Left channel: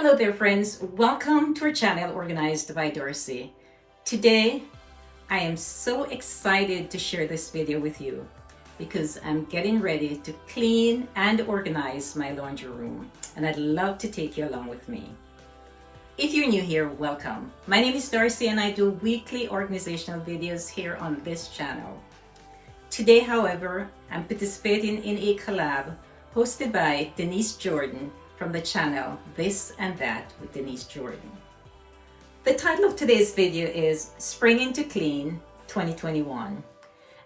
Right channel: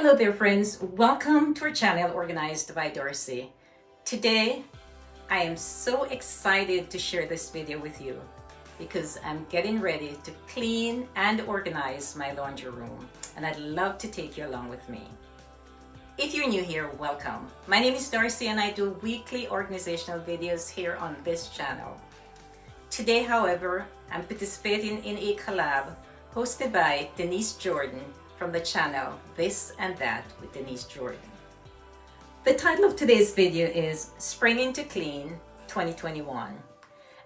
Hello there friends, welcome to our channel Organized by Dorcy. Today I am so excited to share this video with you because I'm getting ready to clean and organize my laundry room, and I'd love to take you along with me. If you're new here, welcome. My name is Dorcy and I do weekly organizational videos here on this channel. Today, however, I'm participating in a collab hosted by Denise Jordan from the channel This and That with Denise Jordan. The title of today's video is Springing to Clean 2021.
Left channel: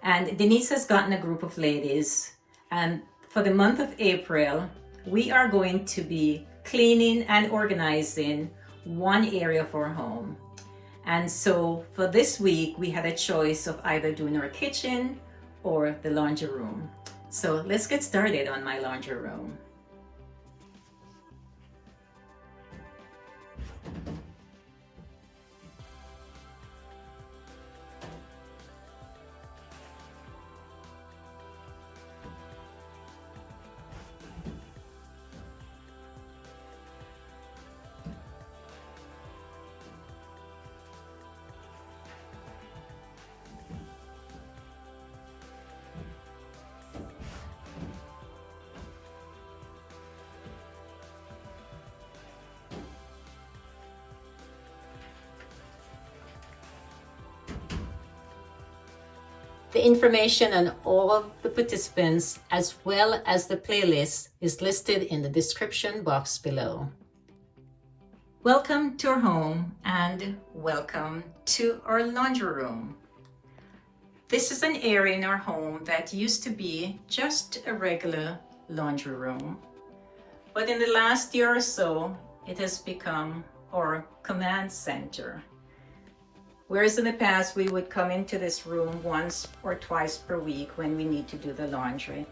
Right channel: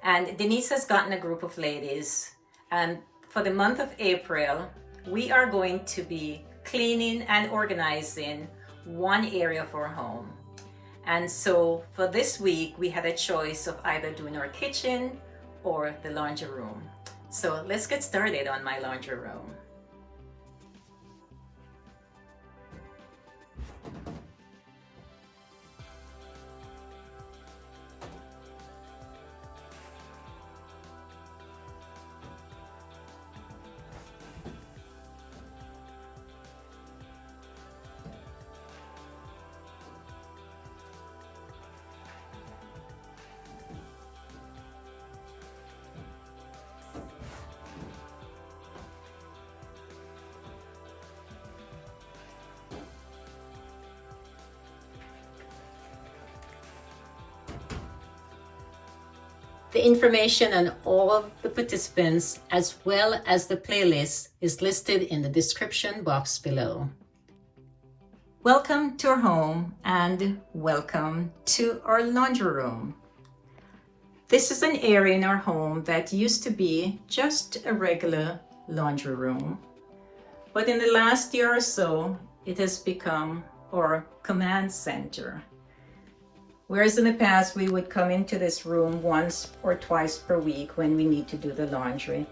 And Denise has gotten a group of ladies, and for the month of April, we are going to be cleaning and organizing one area of our home. And so for this week, we had a choice of either doing our kitchen or the laundry room. So let's get started on my laundry room. The information on all of the participants as well as the playlist is listed in the description box below. Welcome to our home and welcome to our laundry room. This is an area in our home that used to be just a regular laundry room, but in the last year or so, it has become our command center. Whereas in the past, we would come into this room once or twice per week when we need to do the laundry.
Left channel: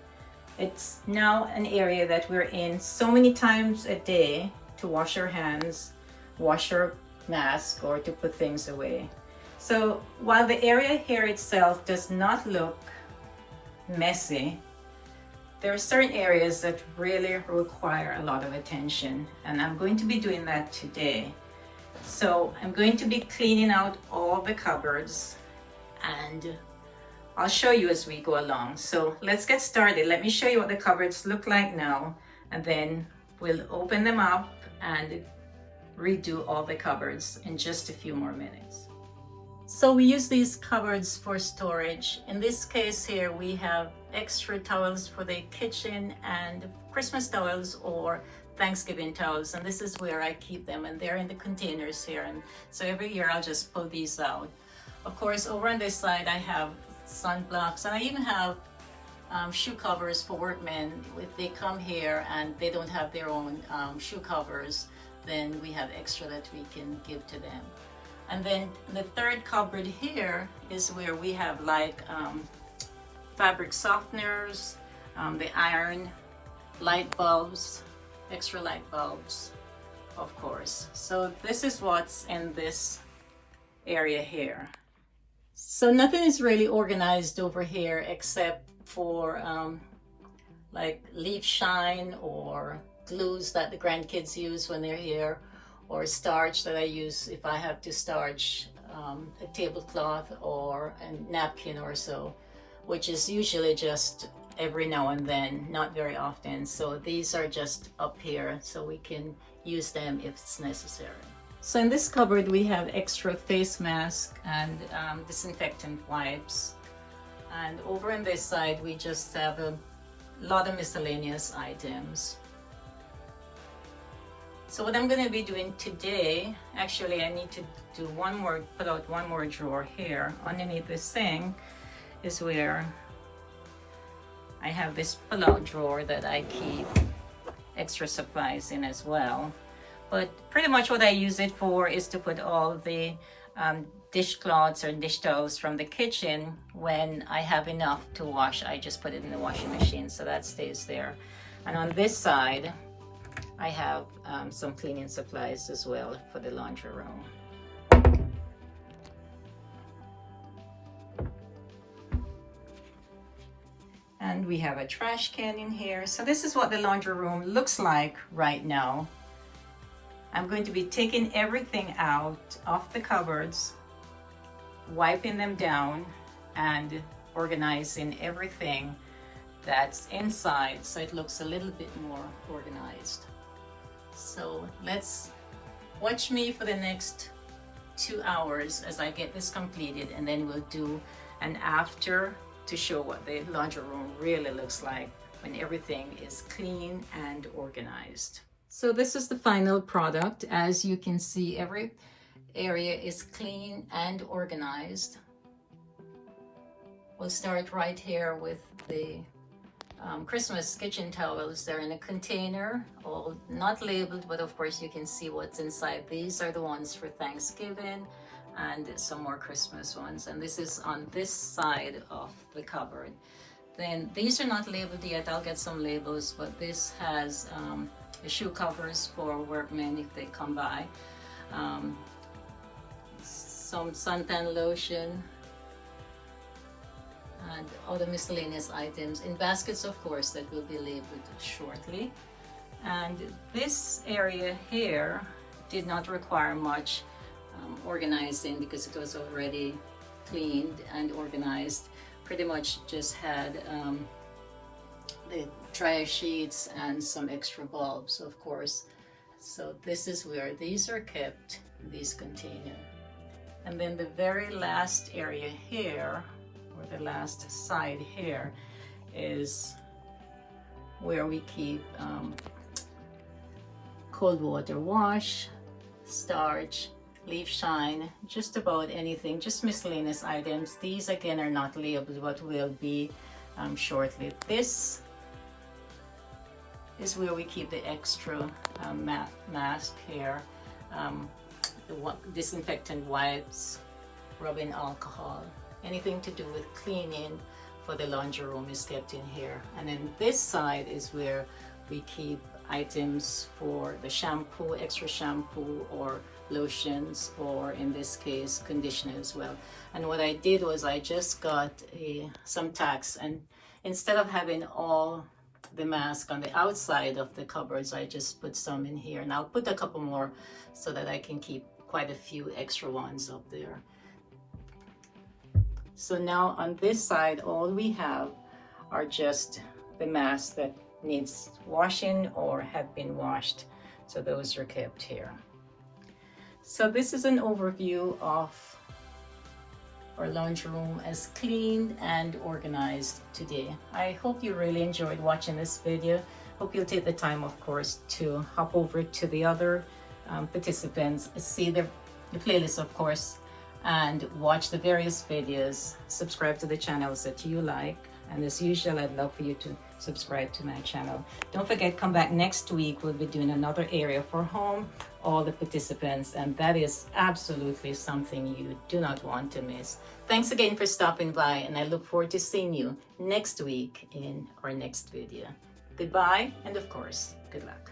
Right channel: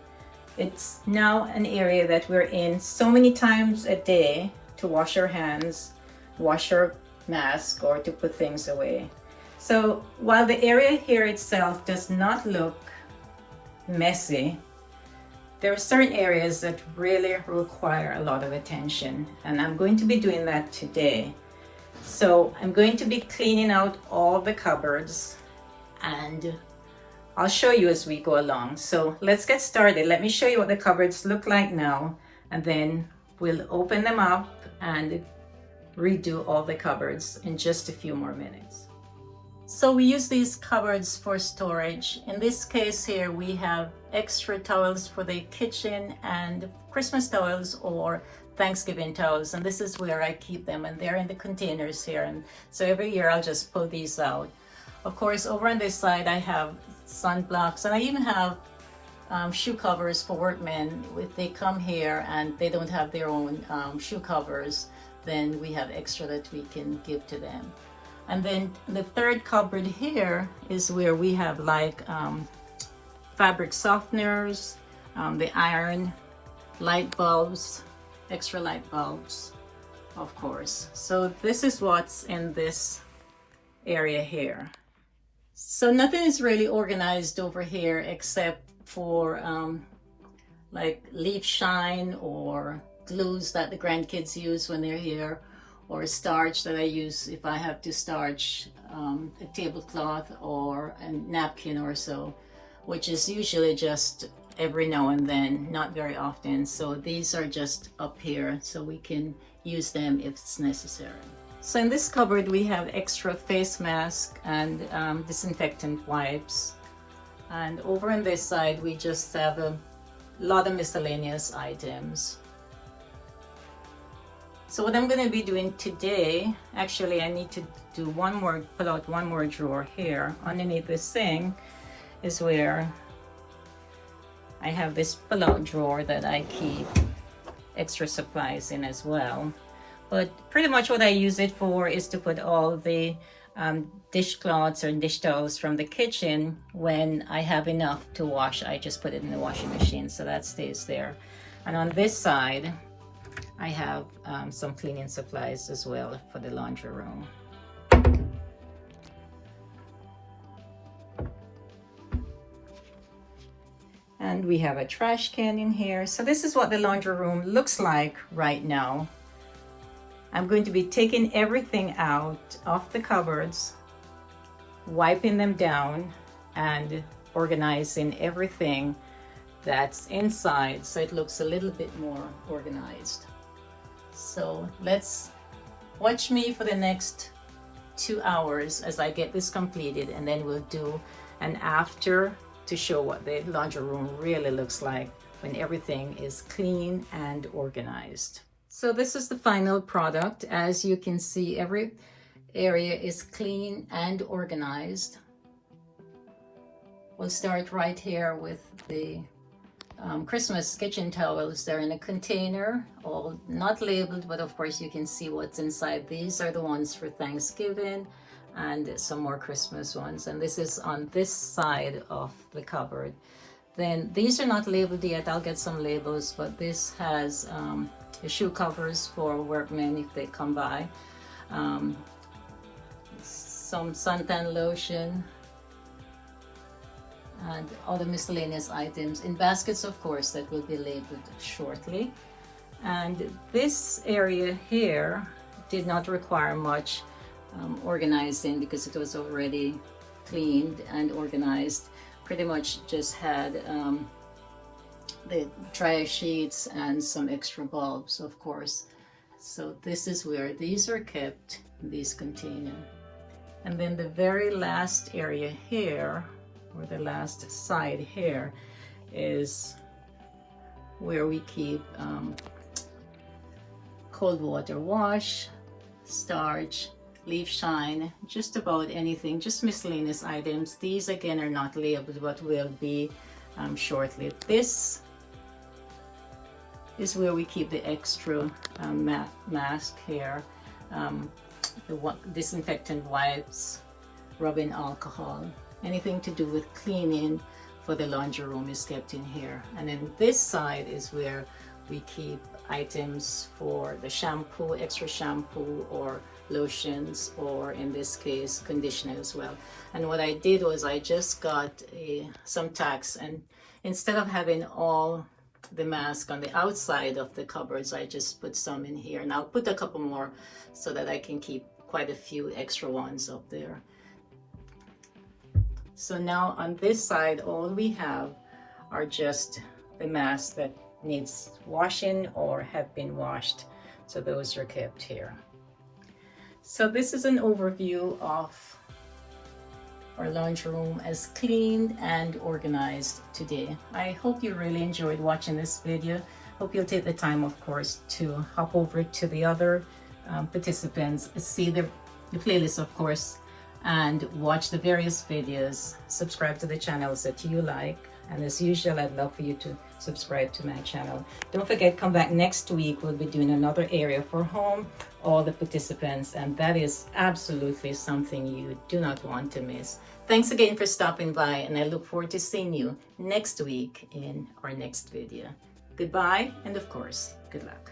It's now an area that we're in so many times a day to wash our hands, wash our mask, or to put things away. So while the area here itself does not look messy, there are certain areas that really require a lot of attention, and I'm going to be doing that today. So I'm going to be cleaning out all the cupboards, and I'll show you as we go along. So let's get started. Let me show you what the cupboards look like now, and then we'll open them up and redo all the cupboards in just a few more minutes. So we use these cupboards for storage. In this case here, we have extra towels for the kitchen and Christmas towels or Thanksgiving towels, and this is where I keep them, and they're in the containers here, and so every year I'll just pull these out. Of course, over on this side I have sunblocks, and I even have shoe covers for workmen. If they come here and they don't have their own shoe covers, then we have extra that we can give to them. And then the third cupboard here is where we have like fabric softeners, the iron, light bulbs, extra light bulbs, of course. So this is what's in this area here. So nothing is really organized over here except for like leaf shine or glues that the grandkids use when they're here, or starch that I use if I have to starch a tablecloth or a napkin or so, which is usually just every now and then, not very often. So these are just up here so we can use them if it's necessary. So in this cupboard we have extra face mask and disinfectant wipes, and over on this side we just have a lot of miscellaneous items. So what I'm going to be doing today, actually I need to do pull out one more drawer here. Underneath this thing is where I have this pull-out drawer that I keep extra supplies in as well. But pretty much what I use it for is to put all the dishcloths or dish towels from the kitchen. When I have enough to wash, I just put it in the washing machine, so that stays there. And on this side, I have some cleaning supplies as well for the laundry room. And we have a trash can in here. So this is what the laundry room looks like right now. I'm going to be taking everything out of the cupboards, wiping them down, and organizing everything that's inside so it looks a little bit more organized. So let's watch me for the next 2 hours as I get this completed, and then we'll do an after to show what the laundry room really looks like when everything is clean and organized. So this is the final product. As you can see, every area is clean and organized. We'll start right here with the Christmas kitchen towels. They're in a container, all not labeled, but of course you can see what's inside. These are the ones for Thanksgiving and some more Christmas ones, and this is on this side of the cupboard. Then these are not labeled yet. I'll get some labels, but this has the shoe covers for workmen if they come by, some suntan lotion, and other miscellaneous items in baskets, of course, that will be labeled shortly. And this area here did not require much organizing because it was already cleaned and organized. Pretty much just had the dryer sheets and some extra bulbs, of course. So this is where these are kept in these containers. And then the very last area here, or the last side here, is where we keep cold water wash, starch, leaf shine, just about anything, just miscellaneous items. These again are not labeled, but will be shortly. This is where we keep the extra mask here, the disinfectant wipes, rubbing alcohol. Anything to do with cleaning for the laundry room is kept in here. And then this side is where we keep items for the shampoo, extra shampoo, or lotions, or in this case conditioner as well. And what I did was I just got some tacks, and instead of having all the mask on the outside of the cupboards, I just put some in here, and I'll put a couple more so that I can keep quite a few extra ones up there. So now on this side, all we have are just the masks that needs washing or have been washed. So those are kept here. So this is an overview of our laundry room as cleaned and organized today. I hope you really enjoyed watching this video. Hope you'll take the time, of course, to hop over to the other participants, see the playlist, of course, and watch the various videos. Subscribe to the channels that you like, and as usual, I'd love for you to subscribe to my channel. Don't forget, come back next week. We'll be doing another area for home, all the participants, and that is absolutely something you do not want to miss. Thanks again for stopping by, and I look forward to seeing you next week in our next video. Goodbye, and of course, good luck.